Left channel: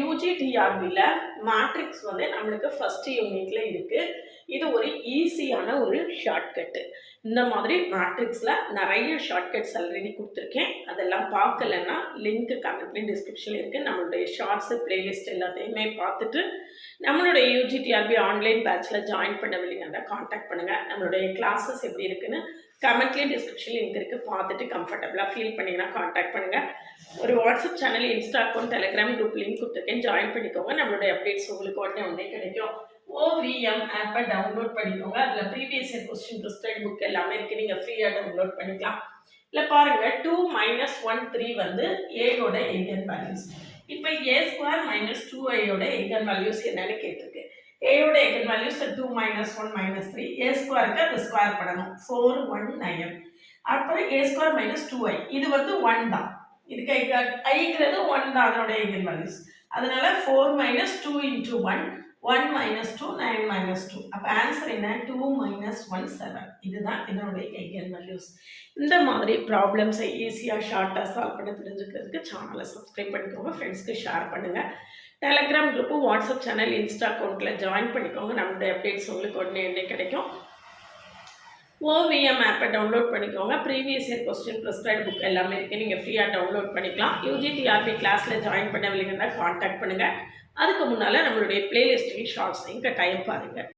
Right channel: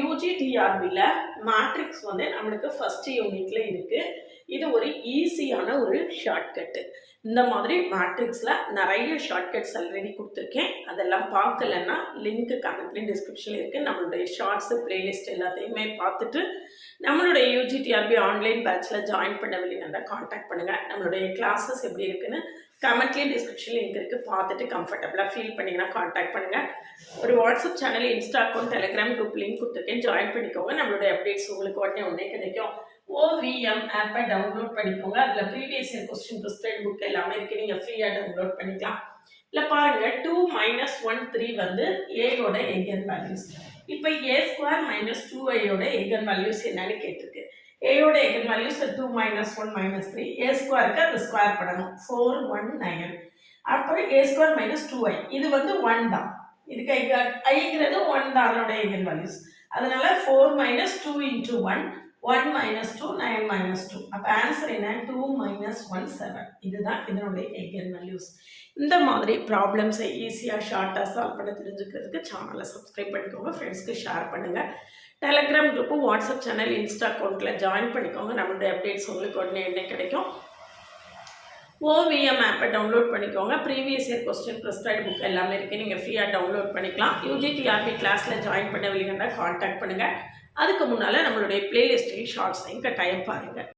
யூஜிடிஆர்பியில் matrix வந்து நம்மளுக்கு first யூனிட்டில் இருக்குது. இது ஒரு ஈஸியான ஒரு ஷார்ட்கட்டு. இந்த மாதிரி மேட்ரிக்ஸில் நிறைய ஷார்ட்கட்ஸ் ஆல்ரெடி கொடுத்துருக்கேன். அதெல்லாம் பார்க்கலன்னா லிங்க்கு கமெண்ட்லேயும் டிஸ்கிரிப்ஷனில் இருக்குது. நம்மளுடைய ஷார்ட்ஸு பிளேலிஸ்ட் எல்லாத்தையுமே பார்த்துட்டு நம்மளுடைய யூஜிடிஆர்பி ஆன்லைன் பேட்சில் ஜாயின் பண்ணவில்லைங்கன்னா காண்டாக்ட் பண்ணுங்கள். நம்மளுடைய கிளாஸஸ் எப்படி இருக்குன்னு கமெண்ட்லேயும் டிஸ்கிரிப்ஷன் லிங்க் இருக்குது. பார்த்துட்டு கம்ஃபர்டபுளாக ஃபீல் பண்ணிங்கன்னா காண்டாக்ட் பண்ணுங்கள். ஒரு WhatsApp channel, Insta account, Telegram group link கொடுத்துருக்கேன். ஜாயின் பண்ணிக்கோங்க. நம்மளுடைய அப்டேட்ஸ் உங்களுக்கு உடனே கிடைக்கும். ஓவிஎம் ஆப்பை டவுன்லோட் பண்ணிக்கோங்க. அதில் previous year question prescribed book எல்லாமே இருக்குது. நீங்கள் ஃப்ரீயாக டவுன்லோட் பண்ணிக்கலாம். இல்லை பாருங்கள், 2 - 1 3 வந்து ஏயோட எய்கன் வேல்யூஸ். இப்போ A² - 2iயோட எய்கன் வேல்யூஸ் என்னன்னு கேட்டிருக்கு. ஏயோட எய்கன் வேல்யூஸ் 2 - 1 - 3. A²க்கு அது ஸ்கொயர் பண்ணணும். 4 1 9. அப்புறம் A² - 2i இது வந்து 1 தான். இதுக்கு ஐங்கிறது 1 தான் அதனுடைய எய்கன் வேல்யூஸ். அதனால 4 - 2 × 1 1 - 2 9 - 2. அப்போ ஆன்சர் என்ன? 2 - 1 7. இதுதான் இதனுடைய எய்கன் வேல்யூஸ். இந்த மாதிரி ப்ராப்ளம்ஸை ஈஸியாக ஷார்ட்டாக சால்வ் பண்ண தெரிஞ்சுக்கிறதுக்கு சேனலை சப்ஸ்கிரைப் பண்ணிக்கோங்க. ஃப்ரெண்ட்ஸ்க்கு ஷேர் பண்ணுங்கள். Telegram group, WhatsApp channel, Insta அக்கௌண்ட்டில் ஜாயின் பண்ணிக்கோங்க. நம்மளுடைய அப்டேட்ஸ் உங்களுக்கு உடனே கிடைக்கும். ஓவிஎம் ஆப்பை டவுன்லோட் பண்ணிக்கோங்க. Previous year question prescribed book எல்லாமே இருக்குது. நீங்கள் ஃப்ரீயாக டவுன்லோட் பண்ணிக்கலாம். யூஜிடிஆர்பி கிளாஸில் ஜாயின் பண்ணவில்லைங்கன்னா காண்டாக்ட் பண்ணுங்கள். அதுக்கு முன்னால் நம்மளுடைய பிளேலிஸ்ட்டையும் ஷார்ட்ஸையும் கட்டாயம் பாருங்கள்.